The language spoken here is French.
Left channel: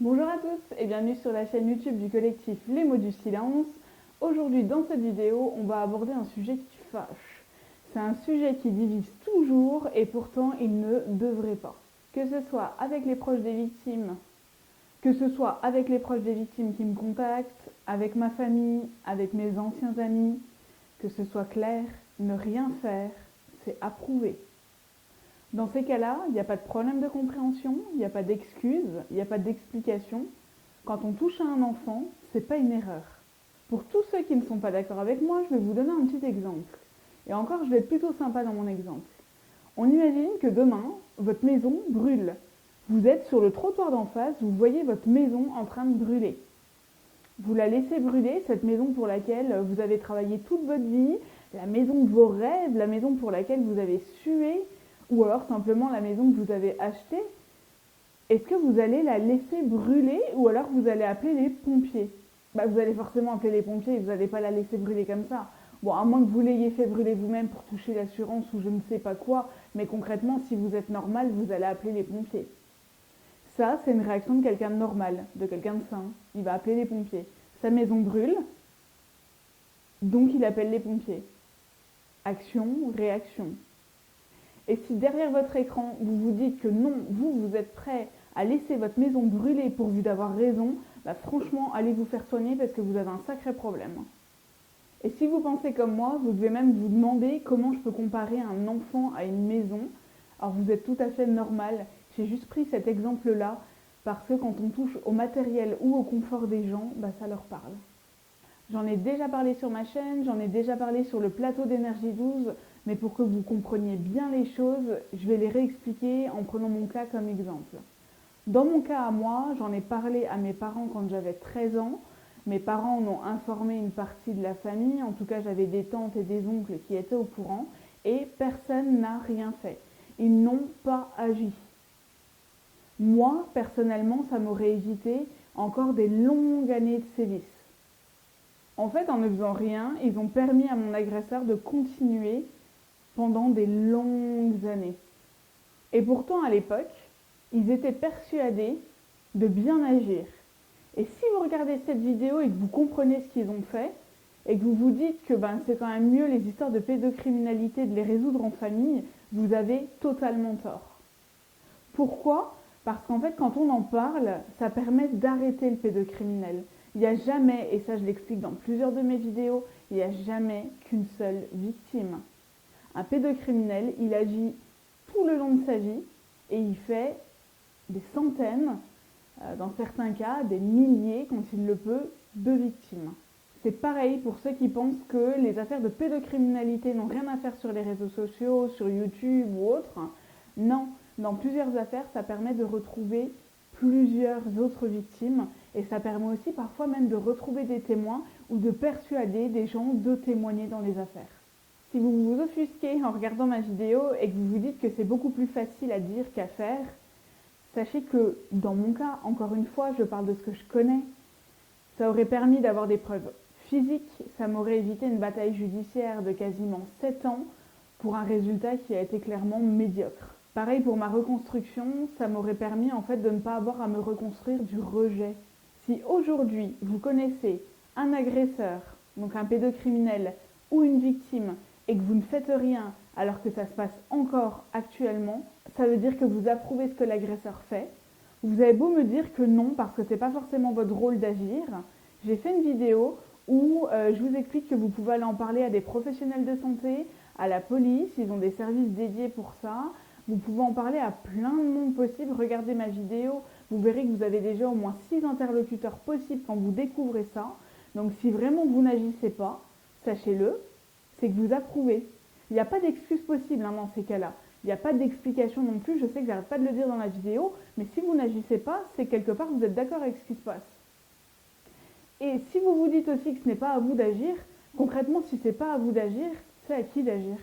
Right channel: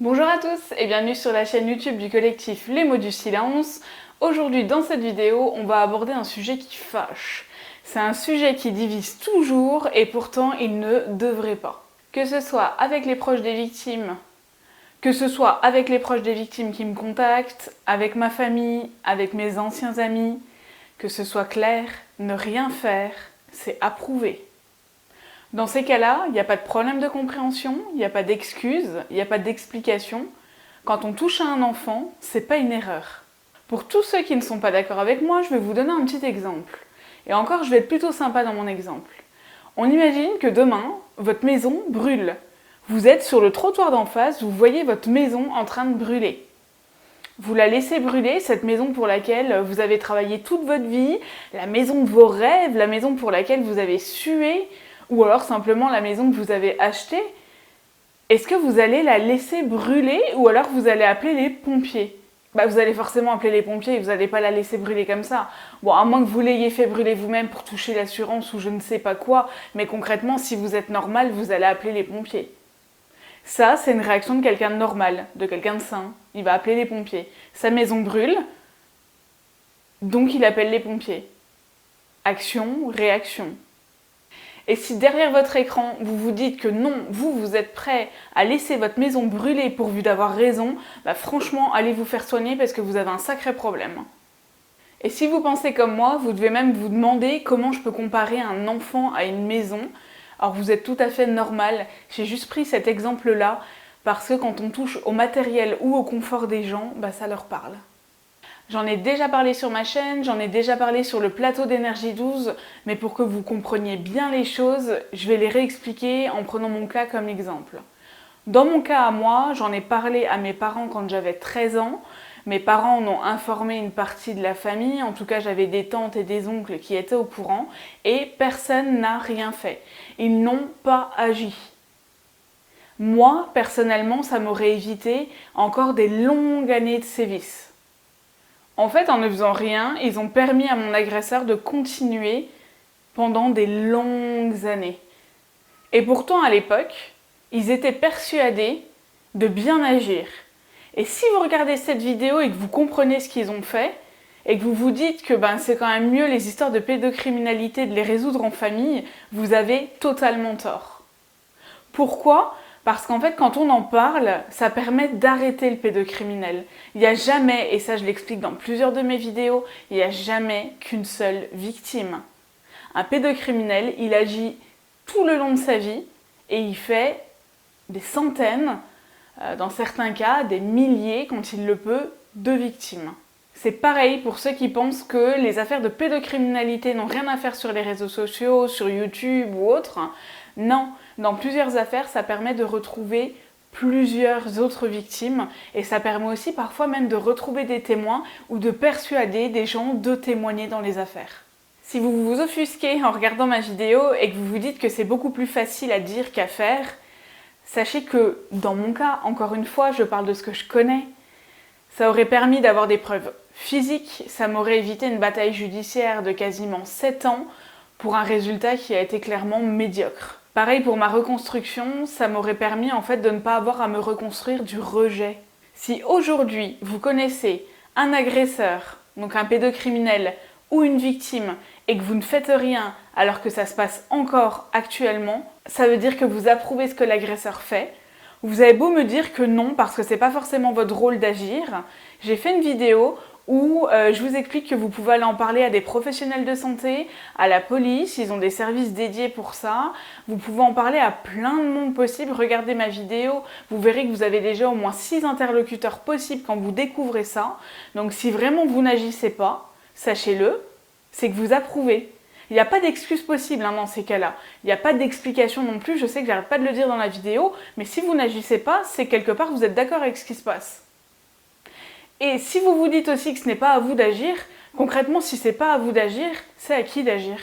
Bonjour à tous et bienvenue sur la chaîne YouTube du collectif Les Mots du Silence. Aujourd'hui dans cette vidéo, on va aborder un sujet qui fâche. C'est un sujet qui divise toujours et pourtant il ne devrait pas. Que ce soit avec les proches des victimes, que ce soit avec les proches des victimes qui me contactent, avec ma famille, avec mes anciens amis, que ce soit clair, ne rien faire, c'est approuvé. Dans ces cas-là, il n'y a pas de problème de compréhension, il n'y a pas d'excuse, il n'y a pas d'explication. Quand on touche à un enfant, c'est pas une erreur. Pour tous ceux qui ne sont pas d'accord avec moi, je vais vous donner un petit exemple. Et encore, je vais être plutôt sympa dans mon exemple. On imagine que demain, votre maison brûle. Vous êtes sur le trottoir d'en face, vous voyez votre maison en train de brûler. Vous la laissez brûler, cette maison pour laquelle vous avez travaillé toute votre vie, la maison de vos rêves, la maison pour laquelle vous avez sué, ou alors simplement la maison que vous avez achetée. Est-ce que vous allez la laisser brûler ou alors vous allez appeler les pompiers ? Vous allez forcément appeler les pompiers et vous n'allez pas la laisser brûler comme ça. Bon, à moins que vous l'ayez fait brûler vous-même pour toucher l'assurance ou je ne sais pas quoi, mais concrètement, si vous êtes normal, vous allez appeler les pompiers. Ça, c'est une réaction de quelqu'un de normal, de quelqu'un de sain. Il va appeler les pompiers. Sa maison brûle, donc il appelle les pompiers. Action, réaction. Et si derrière votre écran, vous vous dites que non, vous êtes prêt à laisser votre maison brûler pourvu d'avoir raison, franchement, allez vous faire soigner parce que vous avez un sacré problème. Et si vous pensez comme moi, vous devez même vous demander comment je peux comparer un enfant à une maison. Alors vous êtes tout à fait normal, j'ai juste pris cet exemple-là parce que quand on touche au matériel ou au confort des gens, ça leur parle. J'en ai déjà parlé sur ma chaîne, j'en ai déjà parlé sur le plateau d'énergie 12, mais pour que vous compreniez bien les choses, je vais les réexpliquer en prenant mon cas comme exemple. Dans mon cas à moi, j'en ai parlé à mes parents quand j'avais 13 ans. Mes parents en ont informé une partie de la famille, en tout cas j'avais des tantes et des oncles qui étaient au courant, et personne n'a rien fait. Ils n'ont pas agi. Moi, personnellement, ça m'aurait évité encore des longues années de sévices. En fait, en ne faisant rien, ils ont permis à mon agresseur de continuer pendant des longues années. Et pourtant, à l'époque, ils étaient persuadés de bien agir. Et si vous regardez cette vidéo et que vous comprenez ce qu'ils ont fait, et que vous vous dites que c'est quand même mieux les histoires de pédocriminalité de les résoudre en famille, vous avez totalement tort. Pourquoi ? Parce qu'en fait, quand on en parle, ça permet d'arrêter le pédocriminel. Il n'y a jamais, et ça je l'explique dans plusieurs de mes vidéos, il n'y a jamais qu'une seule victime. Un pédocriminel, il agit tout le long de sa vie et il fait des centaines, dans certains cas des milliers, quand il le peut, de victimes. C'est pareil pour ceux qui pensent que les affaires de pédocriminalité n'ont rien à faire sur les réseaux sociaux, sur YouTube ou autres. Non, dans plusieurs affaires, ça permet de retrouver plusieurs autres victimes et ça permet aussi parfois même de retrouver des témoins ou de persuader des gens de témoigner dans les affaires. Si vous vous offusquez en regardant ma vidéo et que vous vous dites que c'est beaucoup plus facile à dire qu'à faire, sachez que dans mon cas, encore une fois, je parle de ce que je connais. Ça aurait permis d'avoir des preuves physiques, ça m'aurait évité une bataille judiciaire de quasiment 7 ans pour un résultat qui a été clairement médiocre. Pareil pour ma reconstruction, ça m'aurait permis en fait de ne pas avoir à me reconstruire du rejet. Si aujourd'hui vous connaissez un agresseur, donc un pédocriminel ou une victime, et que vous ne faites rien alors que ça se passe encore actuellement, ça veut dire que vous approuvez ce que l'agresseur fait. Vous avez beau me dire que non, parce que c'est pas forcément votre rôle d'agir. J'ai fait une vidéo où je vous explique que vous pouvez aller en parler à des professionnels de santé, à la police, ils ont des services dédiés pour ça. Vous pouvez en parler à plein de monde possible. Regardez ma vidéo, vous verrez que vous avez déjà au moins 6 interlocuteurs possibles quand vous découvrez ça. Donc si vraiment vous n'agissez pas, sachez-le, c'est que vous approuvez. Il n'y a pas d'excuse possible dans ces cas-là. Il n'y a pas d'explication non plus. Je sais que j'arrête pas de le dire dans la vidéo, mais si vous n'agissez pas, c'est quelque part vous êtes d'accord avec ce qui se passe. Et si vous vous dites aussi que ce n'est pas à vous d'agir, concrètement, si ce n'est pas à vous d'agir, c'est à qui d'agir ?